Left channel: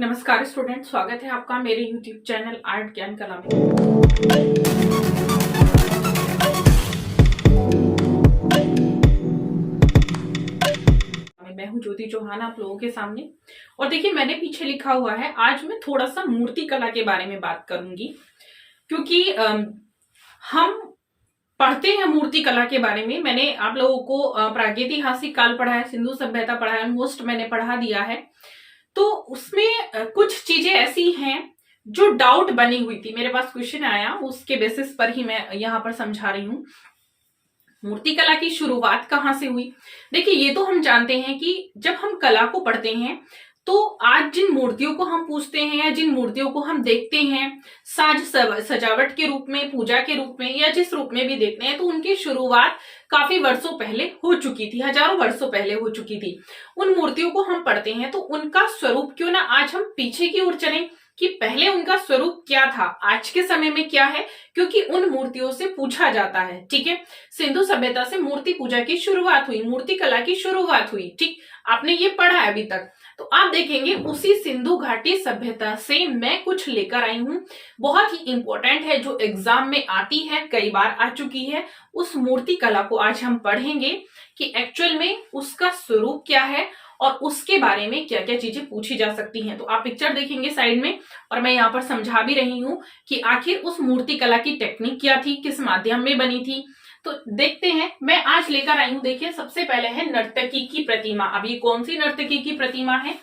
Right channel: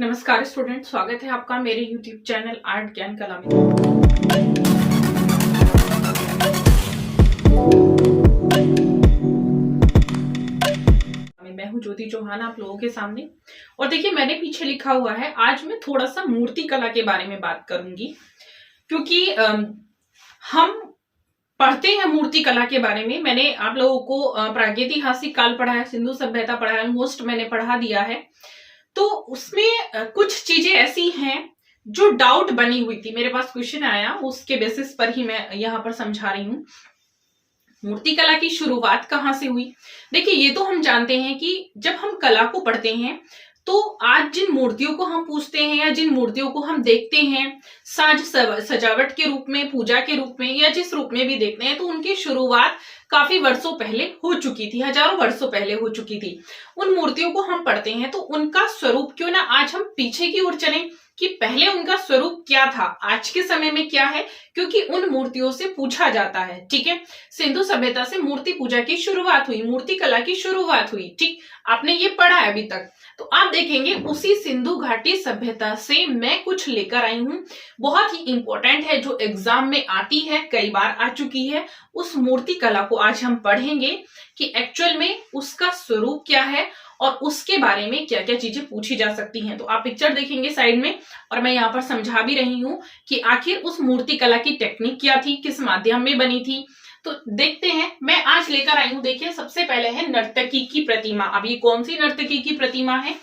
नमस्कार स्टूडेंट, स्वागत है आपका मेरे यूट्यूब चैनल आर्ट ज्ञान कला में। मैं हूं ज्योति चौहान आप लोगों के सामने। और देखिए, मैंने पीछे लिखा हुआ है, आज मैं थोड़ा सा मूर्ति कला के बारे में बात करूंगी, क्योंकि हम पढ़ते हैं मूर्ति कला के बारे में। मैंने आप लोगों को प्रागैतिहासिक काल पढ़ा है, सिंधु सभ्यता पढ़ा है, ऑलमोस्ट मैंने पढ़ा दिया है। तो उसमें कुछ चीजें ऐसी हैं जो डाउट बनी हुई थी, मेरे पास क्वेश्चन आया, उसके बेसिस पर ही मैं यहाँ पर समझा रही हूँ। मूर्ति कला की शुरुआत कहाँ से हुई? देखिए, ये तो हम जानते हैं कि जब हम कला को पढ़ते हैं तो आज जिन मूर्तियों को हम पूजते हैं या जिन मूर्तियों को हम देखते हैं साज सजावट के रूप में, पूजा के रूप में, या जिस रूप में भी देखते हैं, तो उनकी शुरुआत काफी वर्षों पहले हो चुकी थी, हजारों वर्षों पहले हो चुकी थी। उन मूर्तियों को हम पढ़ते हैं तो उनका स्वरूप क्यों ना आज हम पीछे की ओर चलें कि पहले उनका स्वरूप क्या था, आज के समय में क्या है, क्योंकि उन मूर्तियों से पूछा जाता है। ठीक है, सिंधु सभ्यता से मूर्ति पूजा की शुरुआत हुई, मूर्ति कला की शुरुआत हुई। ठीक, आपने ये पढ़ा है अभी तक। तो आप देखेंगे उसी सिंधु घाटी सभ्यता से मैं कुछ लेकर आई हूं, बहुत ही इंपॉर्टेंट है, जो एग्जाम में आती है, कई बार आ चुकी है। उस मूर्ति कला को आज हम पढ़ेंगे कि एक्चुअल में उसका स्वरूप क्या है और उसके बारे में क्या क्या चीजें पूछी जा सकती हैं। तो आप पिक्चर देखेंगे साइड में, और मैं यहाँ पर समझा भी रही हूं कि आखिर उस मूर्ति कला की टेक्निक क्या थी, किस माध्यम में बनी थी। तो देखते हैं, मैं आज लेकर आई हूं। देखिए, सबसे पहले है नर्तकी की प्रतिमा। अब ये कौन सी नर्तकी की प्रतिमा है?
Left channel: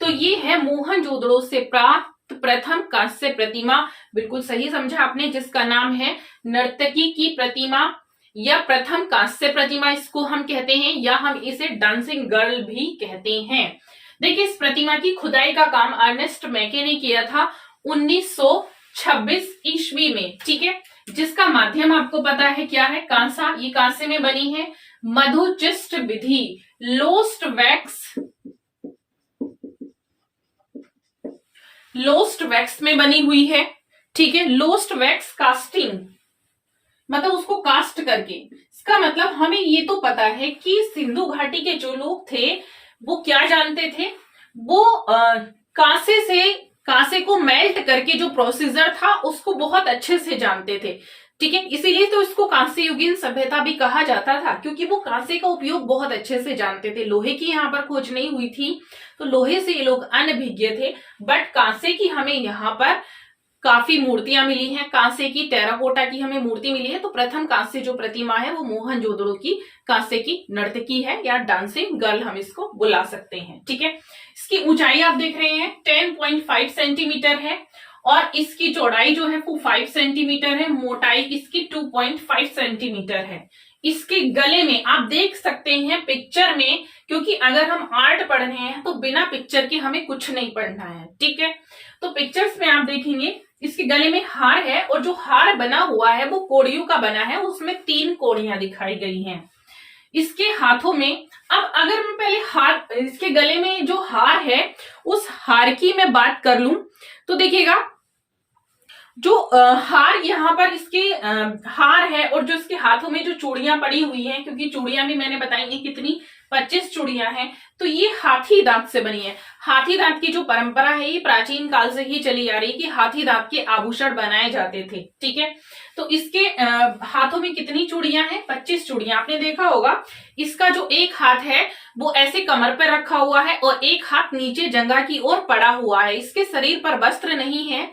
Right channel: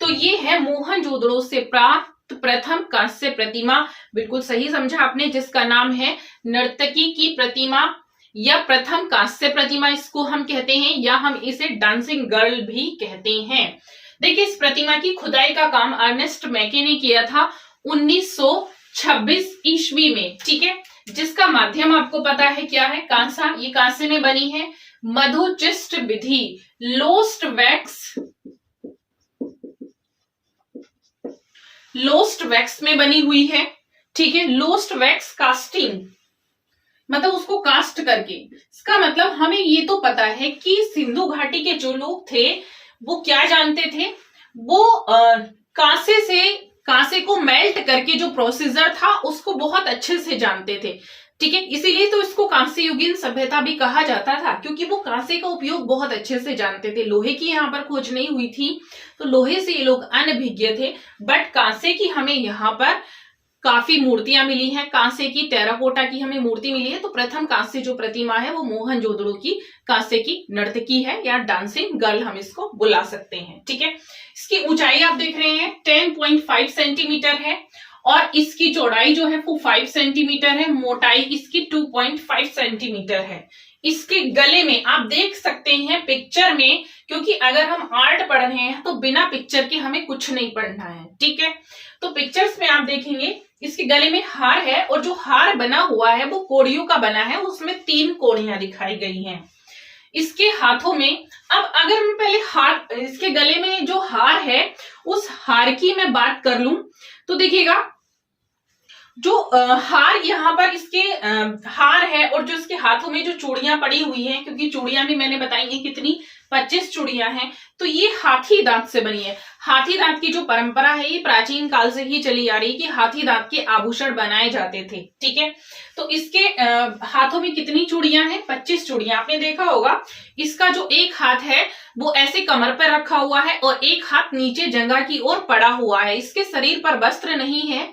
तो ये है मोहनजोदड़ो से प्राप्त प्रथम कांस्य प्रतिमा। बिल्कुल सही समझा आपने, जिसका नाम है नर्तकी की प्रतिमा या प्रथम कांस्य प्रतिमा इसको हम कहते हैं, या हम इसे डांसिंग गर्ल भी कहते हैं। देखिए, इस प्रतिमा की खुदाई का काम अर्नेस्ट मैके ने किया था 1926 ईस्वी में। ठीक है, जिसका माध्यम आपको पता है क्या है, कांसा। ये कांसे में बनी है, मधुचिष्ट विधि, लोस्ट वैक्स में बनी हुई है। ठीक है, लोस्ट वैक्स कास्टिंग, मतलब उसको कास्ट करके। इसका मतलब हमें ये तो पता है कि सिंधु घाटी के जो लोग थे वो क्या जानते थे, वो कांसे को मेल्ट करके जो प्रोसीजर था उसको बहुत अच्छे से जानते थे। ठीक है, इसीलिए तो इसको कांस्य युगीन सभ्यता भी कहा जाता था, क्योंकि वो कांसे का उपयोग बहुत अच्छे से जानते थे। लोहे की यहाँ पर खोज नहीं हुई थी, तो लोहे से ये लोग अनभिज्ञ थे, बट कांसे की हमें यहाँ पर काफी मूर्तियां मिली हैं। कांसे की, टेराकोटा की हमें मूर्ति मिली है। तो प्रथम कांस्य जो प्रतिमा है वो मोहनजोदड़ो की कांसे की नर्तकी है, या डांसिंग गर्ल हम इसको बुला सकते हैं। ठीक है, इसकी ऊंचाई आप देख रहे हैं 10.5 सेंटीमीटर है, और इसकी चौड़ाई जो है वो 5 सेंटीमीटर है, मोटाई इसकी 2.5 सेंटीमीटर है। इसके गले में आप देख सकते हैं पिक्चर में, क्योंकि अगर हम आर्ट पढ़ रहे हैं तो बिना पिक्चर के हमें कुछ नहीं पढ़ना है। ठीक है, तो पिक्चर्स में आप देखेंगे इसके गले में हार है, और जो हार बना हुआ है वो कोड़ियों का बना है, उसमें 3 कोड़ियां दिखाई गई हैं। इसके हाथों में, अब अगर मैं पहले इसके गले में जो हार है उस हार की मैं बात कर लूं, तो देखिएगा जो हार यहाँ पर इसके हार है, और जो इसके हाथों में जो चूड़ियां पड़ी हुई हैं, क्योंकि चूड़ियां भी मैंने बताई है कितनी, 25 चूड़ियां हैं, तो ये हाथी दांत से बनी है। हाथी दांत की जो परंपरा है ये प्राचीन काल से ही चली आ रही है कि हाथी दांत के आभूषण बनाए जाते थे। ठीक है, तो इसके हाथों में कितनी चूड़ियां हैं? 25 चूड़ियां। आपने देखा होगा इसका जो एक हाथ है वो ऐसे कमर पर रखा हुआ है, और एक हाथ नीचे जंघा की ओर पड़ा हुआ है। इसके शरीर पर वस्त्र नहीं है,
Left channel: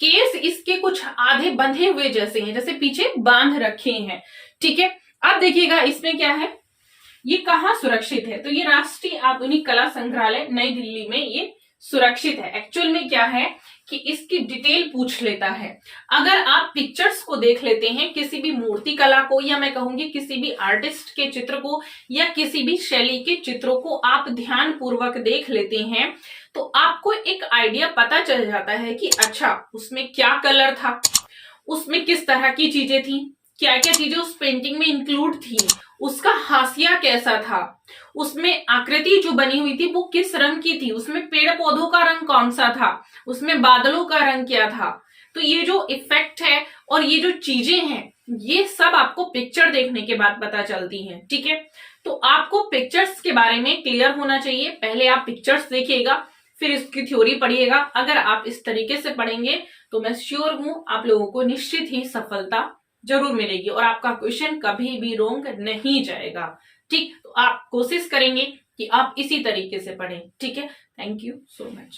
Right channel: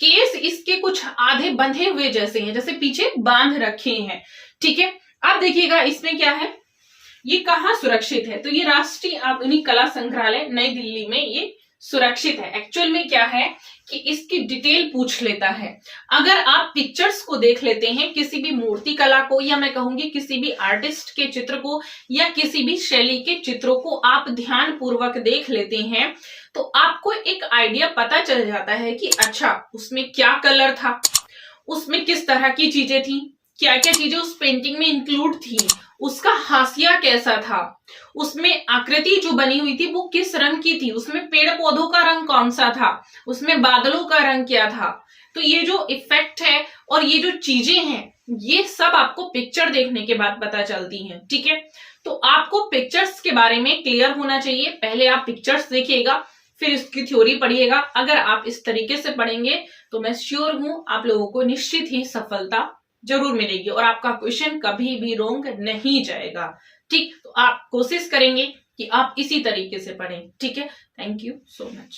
केस इसके कुछ आधे बंधे हुए जैसे हैं, जैसे पीछे बांध रखे हैं। ठीक है, अब देखिएगा इसमें क्या है, ये कहाँ सुरक्षित है? तो ये राष्ट्रीय आधुनिक कला संग्रहालय नई दिल्ली में ये सुरक्षित है। एक्चुअल में क्या है कि इसकी डिटेल पूछ लेता है। अगर आप पिक्चर्स को देख लेते हैं, किसी भी मूर्ति कला को, या मैं कहूंगी किसी भी आर्टिस्ट के चित्र को, या किसी भी शैली के चित्रों को आप ध्यान पूर्वक देख लेते हैं, तो आपको एक आइडिया पता चल जाता है कि अच्छा उसमें क्या कलर था, उसमें किस तरह की चीजें थी, क्या क्या चीजें उस पेंटिंग में इंक्लूड थी, उसका हाशिया कैसा था, उसमें आकृति जो बनी हुई थी वो किस रंग की थी, उसमें पेड़ पौधों का रंग कौन सा था, उसमें बादलों का रंग क्या था। तो ये जो इफेक्ट है और ये जो चीजें हैं, ये सब आपको पिक्चर देखने के बाद पता चलती हैं। ठीक है, तो आपको पिक्चर्स के बारे में क्लियर होना चाहिए। पहले आप पिक्चर्स देखिएगा, फिर इसकी थ्योरी पढ़िएगा। अगर आप इस तरीके से पढ़ेंगे तो मैं श्योर हूं आप लोगों को निश्चित ही सफलता जरूर मिलेगी और आपका क्वेश्चन कभी भी रोंग नहीं जाएगा। ठीक, तो आप कोशिश करेंगे कि आप इसी तरीके से पढ़ें। ठीक है, थैंक यू सो मच।